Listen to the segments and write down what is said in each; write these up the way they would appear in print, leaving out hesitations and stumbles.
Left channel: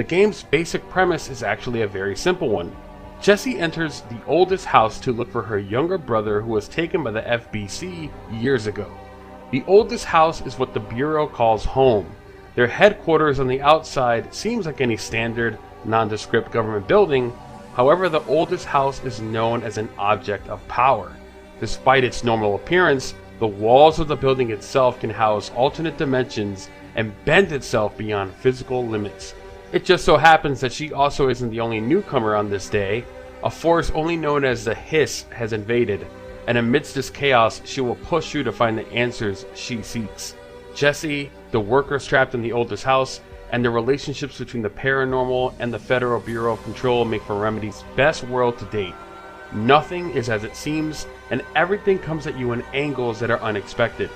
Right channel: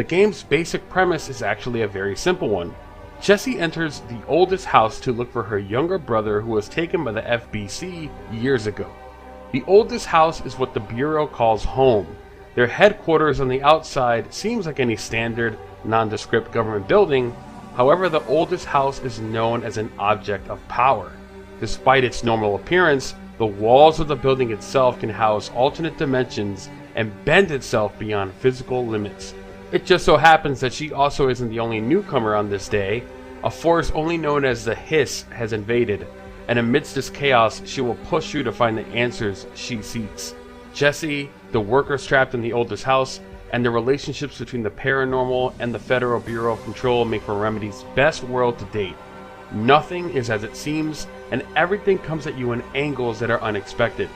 The game's basic premise is actually a very simple one. Jessie enters the oldest house to look for her younger brother who was taken by the FBC years ago. The oldest house is what the Bureau calls home. Their headquarters on the outside seems like any standard, nondescript government building. However, the oldest house is known as an object of power. Despite its normal appearance, the walls of the building itself can house alternate dimensions and bend itself beyond physical limits. It just so happens that she also isn't the only newcomer on this day. A force only known as the Hiss has invaded, and amidst this chaos, she will push you to find the answers she seeks. Jessie, the workers trapped in the oldest house, and the relationships between the paranormal and the Federal Bureau of Control make for Remedy's best world to date. Nothing is as it seems, and everything comes at you in angles that are unexpected.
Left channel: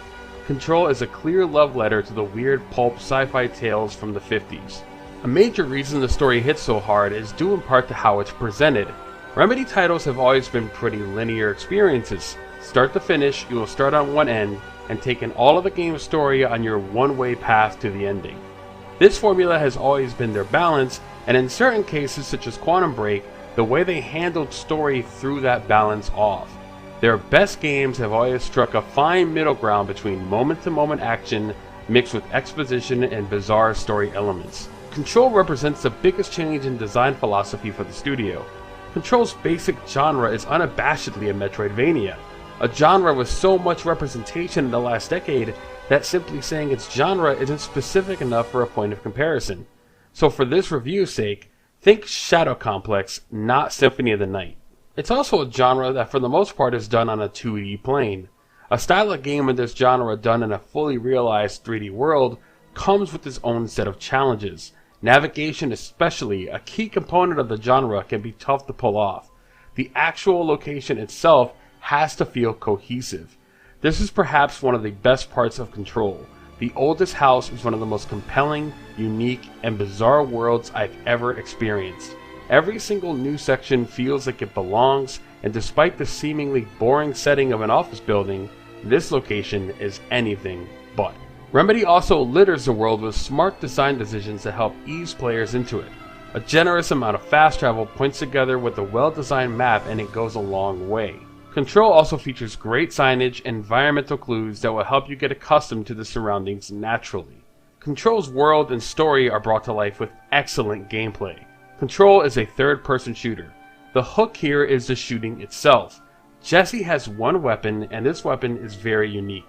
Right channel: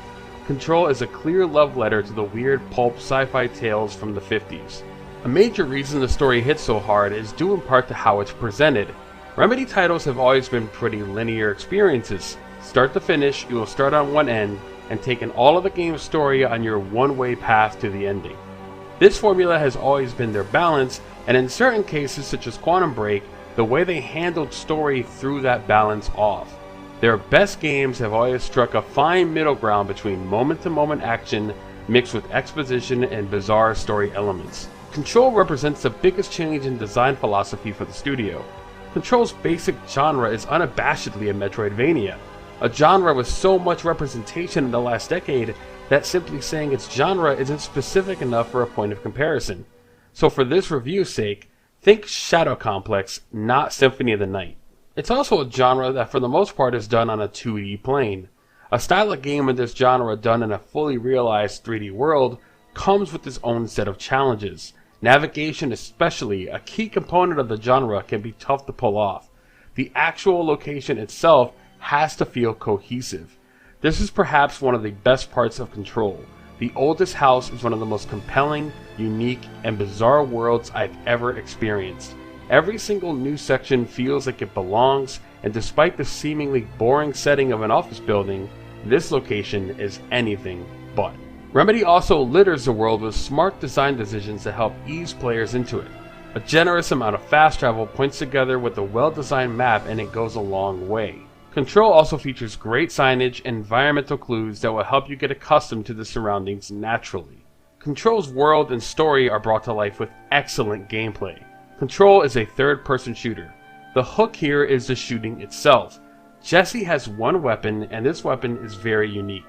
Control is a clear love letter to the weird pulp sci-fi tales from the 50s. A major reason the story hits so hard is due in part to how it's presented. Remedy titles have always been pretty linear experiences. Start to finish, you will start on one end and take in all of the game's story on your one-way path to the ending. This formula has always been their balance, and in certain cases such as Quantum Break, the way they handled story threw that balance off. Their best games have always struck a fine middle ground between moment-to-moment action mixed with exposition and bizarre story elements. Control represents the biggest change in design philosophy for the studio. Control's basic genre is unabashedly a Metroidvania, a genre with so much representation in the last decade that simply saying its genre isn't specific enough for a point of comparison. So for this review's sake, think Shadow Complex, not Symphony of the Night. It's also a genre that for the most part is done on a 2D plane. A style of game in this genre done in a fully realized 3D world comes with its own set of challenges. Navigation, especially a key component of the genre, can be tough to pull off. The actual location itself has to feel cohesive. This is perhaps one of the best parts of Control. The oldest house is one of the most compelling, unique, and bizarre worlds I've ever experienced. Every single new section feels like it belongs, and despite the seemingly boring setting of an office building, this location is anything but. Remedy also litters the world with smart design decisions to help ease players into it. A generous amount of fast travel points together with a well-designed map, and it goes a long way. Control also features great signage and environmental clues that will help you get accustomed to the surroundings naturally. Control's world and story are brought to life with excellent gameplay. Control is a third-person shooter. The hook here is the shooting itself. Jessie has one weapon, and this weapon is very unique.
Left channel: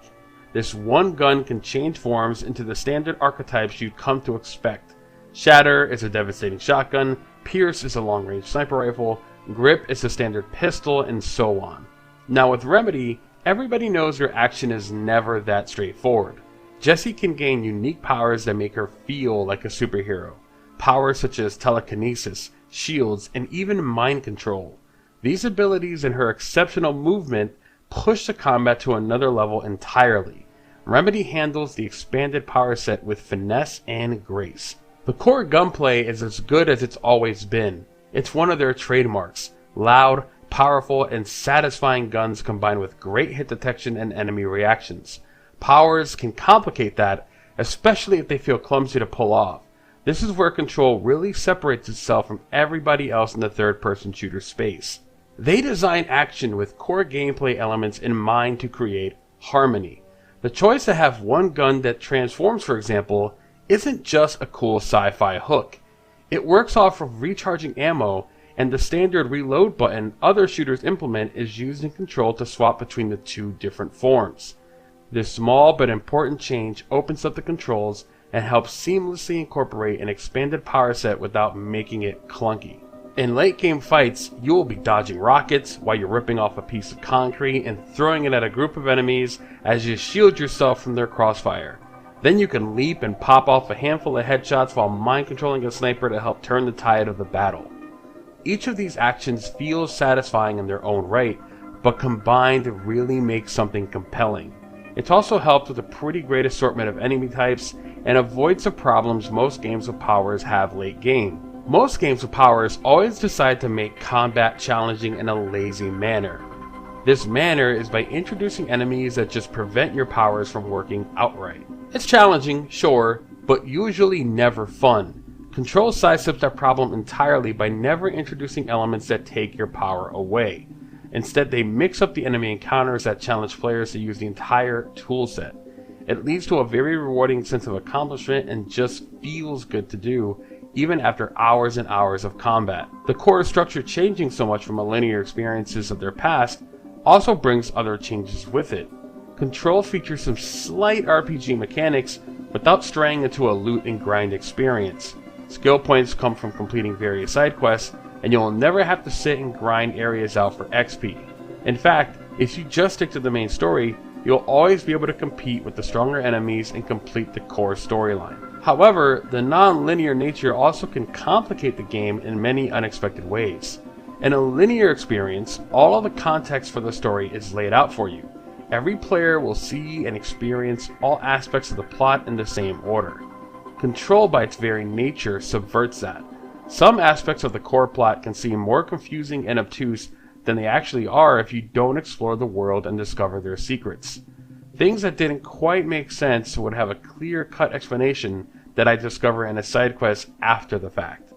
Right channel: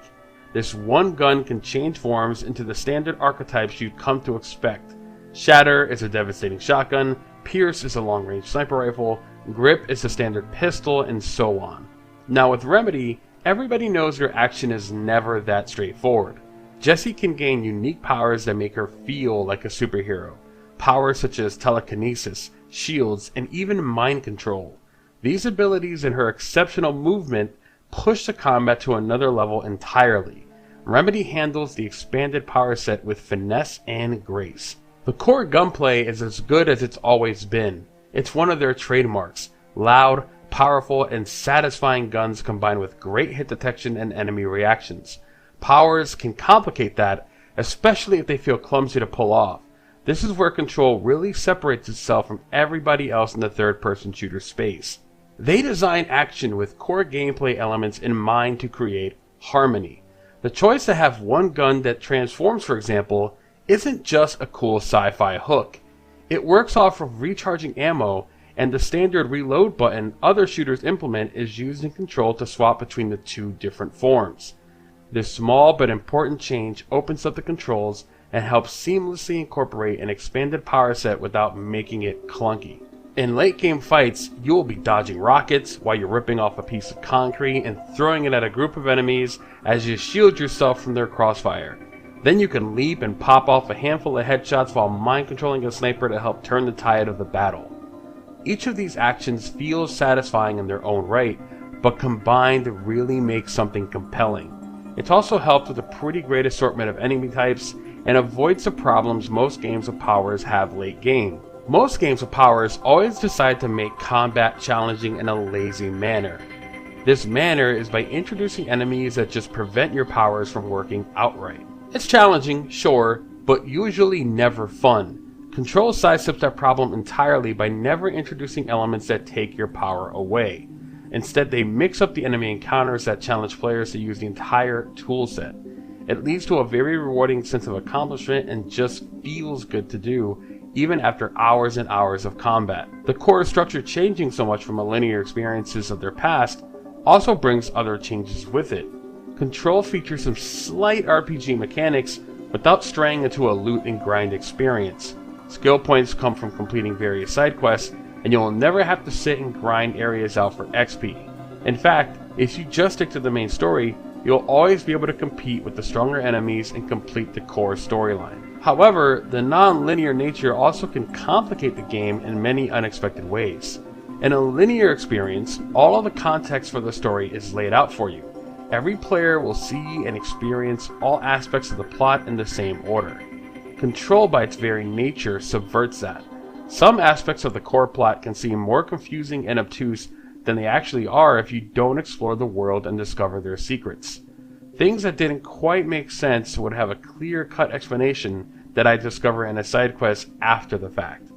This one gun can change forms into the standard archetypes you'd come to expect. Shatter is a devastating shotgun, Pierce is a long-range sniper rifle, Grip is a standard pistol, and so on. Now with Remedy, everybody knows her action is never that straightforward. Jessie can gain unique powers that make her feel like a superhero. Powers such as telekinesis, shields, and even mind control. These abilities and her exceptional movement push the combat to another level entirely. Remedy handles the expanded power set with finesse and grace. The core gunplay is as good as it's always been. It's one of their trademarks. Loud, powerful, and satisfying guns combined with great hit detection and enemy reactions. Powers can complicate that, especially if they feel clumsy to pull off. This is where Control really separates itself from everybody else in the third-person shooter space. They design action with core gameplay elements in mind to create harmony. The choice to have one gun that transforms, for example, isn't just a cool sci-fi hook. It works off of recharging ammo, and the standard reload button other shooters implement is used in Control to swap between the two different forms. This small but important change opens up the controls and helps seamlessly incorporate an expanded power set without making it clunky. In late game fights, you will be dodging rockets while you're ripping off a piece of concrete and throwing it at a group of enemies as you shield yourself from their crossfire. Then you can leap and pop off a handful of headshots while mind controlling a sniper to help turn the tide of the battle. Each of these actions feels satisfying in their own right, but combined really makes something compelling. It's also helped with a pretty great assortment of enemy types and avoids the problems most games with powers have late game. Most games with powers always decide to make combat challenging in a lazy manner. This manner is by introducing enemies that just prevent your powers from working outright. It's challenging, sure, but usually never fun. Control sidesteps that problem entirely by never introducing elements that take your power away. Instead, they mix up the enemy encounters that challenge players to use the entire toolset. It leads to a very rewarding sense of accomplishment and just feels good to do, even after hours and hours of combat. The core structure changing so much from the linear experiences of their past also brings other changes with it. Control features some slight RPG mechanics without straying into a loot and grind experience. Skill points come from completing various side quests, and you will never have to sit and grind areas out for XP. In fact, if you just stick to the main story, you'll always be able to compete with the stronger enemies and complete the core storyline. However, the non-linear nature also can complicate the game in many unexpected ways. In a linear experience, all of the context for the story is laid out for you. Every player will see and experience all aspects of the plot in the same order. Control, by its very nature, subverts that. Some aspects of the core plot can seem more confusing and obtuse than they actually are if you don't explore the world and discover their secrets. Things that didn't quite make sense would have a clear-cut explanation that I discover in a side quest after the fact.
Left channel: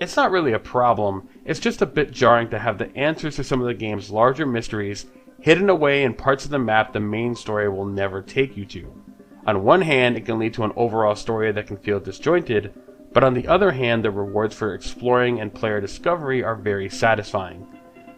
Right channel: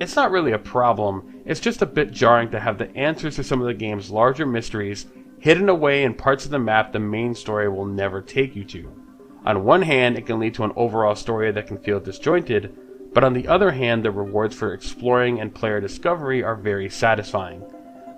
It's not really a problem, it's just a bit jarring to have the answers to some of the game's larger mysteries hidden away in parts of the map the main story will never take you to. On one hand, it can lead to an overall story that can feel disjointed, but on the other hand, the rewards for exploring and player discovery are very satisfying.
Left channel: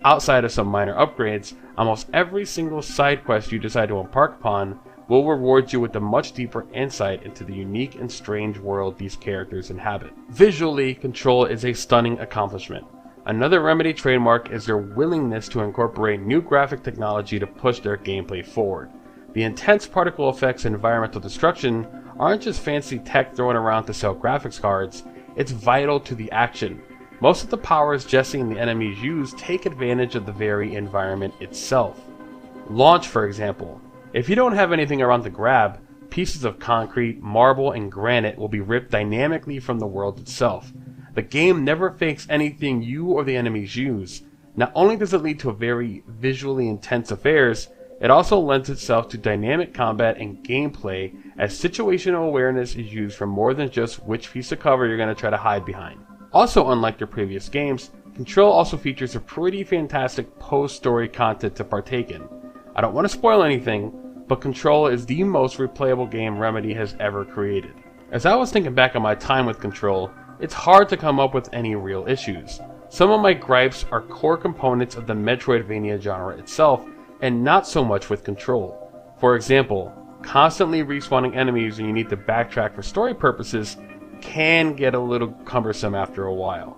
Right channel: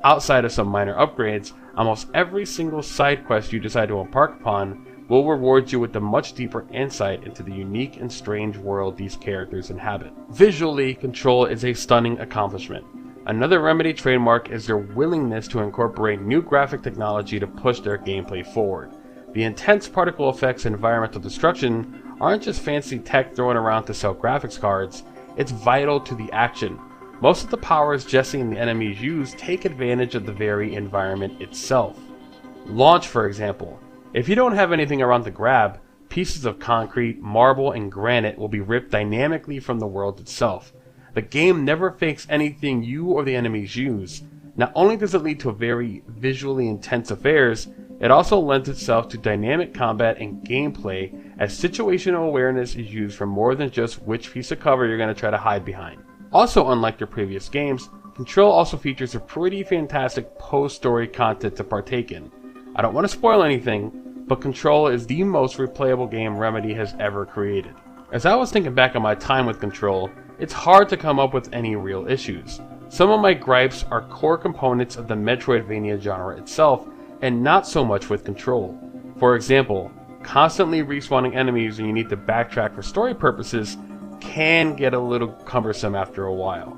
Outside of some minor upgrades, almost every single side quest you decide to embark upon will reward you with a much deeper insight into the unique and strange world these characters inhabit. Visually, Control is a stunning accomplishment. Another Remedy trademark is their willingness to incorporate new graphic technology to push their gameplay forward. The intense particle effects and environmental destruction aren't just fancy tech thrown around to sell graphics cards, it's vital to the action. Most of the powers Jesse and the enemies use take advantage of the very environment itself. Launch, for example. If you don't have anything around to grab, pieces of concrete, marble, and granite will be ripped dynamically from the world itself. The game never fakes anything you or the enemies use. Not only does it lead to very visually intense affairs, it also lends itself to dynamic combat and gameplay, as situational awareness is used for more than just which piece of cover you're going to try to hide behind. Also, unlike their previous games, Control also features a pretty fantastic post-story content to partake in. I don't want to spoil anything, but Control is the most replayable game Remedy has ever created. As I was thinking back on my time with Control, it's hard to come up with any real issues. Some of my gripes are core components of the Metroidvania genre itself, and not so much with Control. For example, constantly respawning enemies when you need to backtrack for story purposes can get a little cumbersome after a while.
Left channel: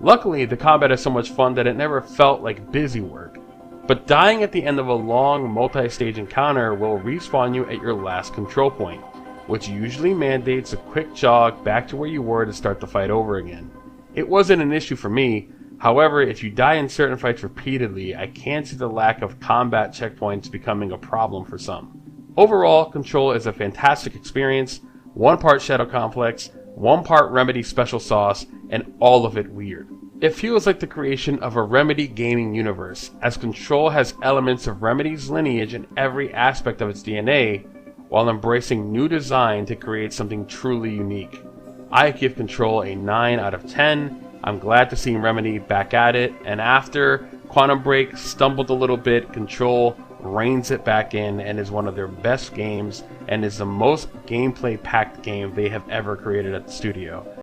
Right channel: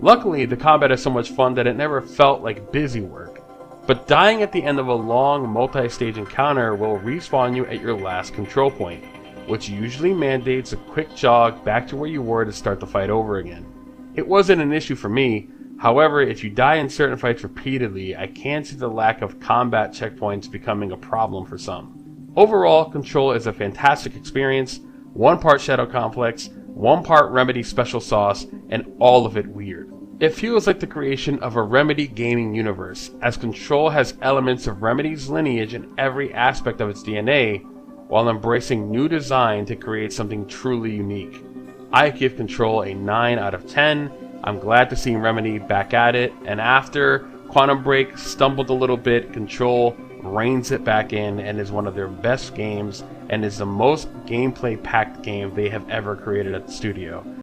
Luckily, the combat is so much fun that it never felt like busy work, but dying at the end of a long multi-stage encounter will respawn you at your last control point, which usually mandates a quick jog back to where you were to start the fight over again. It wasn't an issue for me. However, if you die in certain fights repeatedly, I can see the lack of combat checkpoints becoming a problem for some. Overall, Control is a fantastic experience, one part Shadow Complex, one part Remedy special sauce, and all of it weird. It feels like the creation of a Remedy gaming universe, as Control has elements of Remedy's lineage in every aspect of its DNA, while embracing new design to create something truly unique. I give Control a 9 out of 10. I'm glad to see Remedy back at it, and after Quantum Break stumbled a little bit, Control reins it back in and is one of their best games and is the most gameplay-packed game they have ever created at the studio.